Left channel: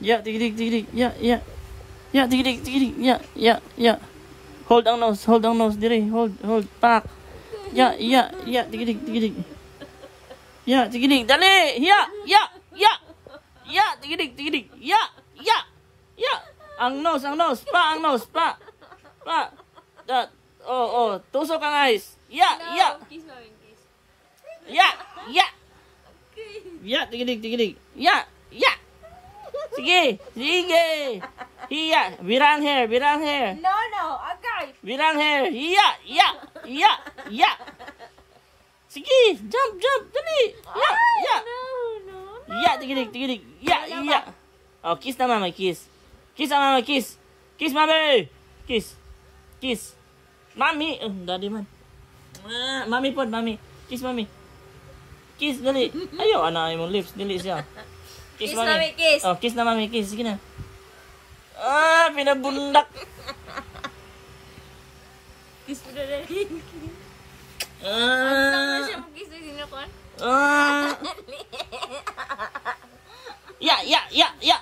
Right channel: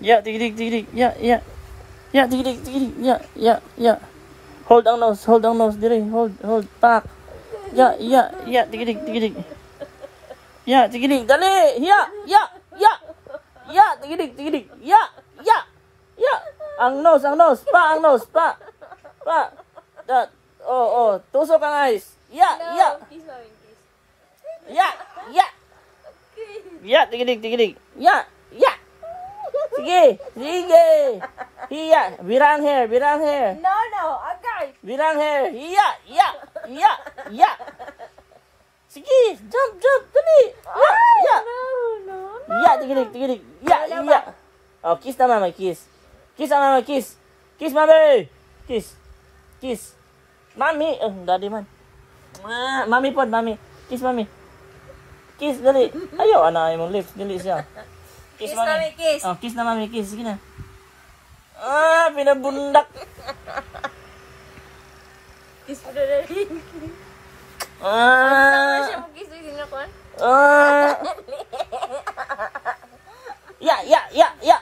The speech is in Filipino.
Yeah, tigidig, tigidig. Yeah, yeah. Yeah, tigidig, tigidig. Yeah, yeah, yeah. Hold ang nose dire. Hold, pak. Yeah, yeah, yeah, tigidig, tigidig. Yeah, tigidig, dali. Yeah, yeah, yeah. Yeah, tigidig, tigidig. Yeah, yeah, yeah. Ang nose, pa, pa. That. Oh, tusok ang eyes. Yeah, yeah. Kiss namin, kiss. Yeah, yeah. Yeah, tigidig. Yeah, yeah. Sige. Hiya. Birang hair. No, agay. Birang hair. Hiya. Yeah. Sige, jump. Dali. Yeah. No. Yeah, tigidig. Yeah. Oh, kiss na mama, kiss. Kiss ang mama, kiss. Kiss, mami. Kiss. Mami. Daddy man. Mami pod, mami. Kiss, mami. Kiss, dali. Ayaw, anay mong lips. Dili siya. Kiss, mami, kiss. Oh, kiss na, mami. Kiss. Sige na. Pinabundak. Kiss po na rin. Ah. Siya mo kiss na sinakon? Yeah.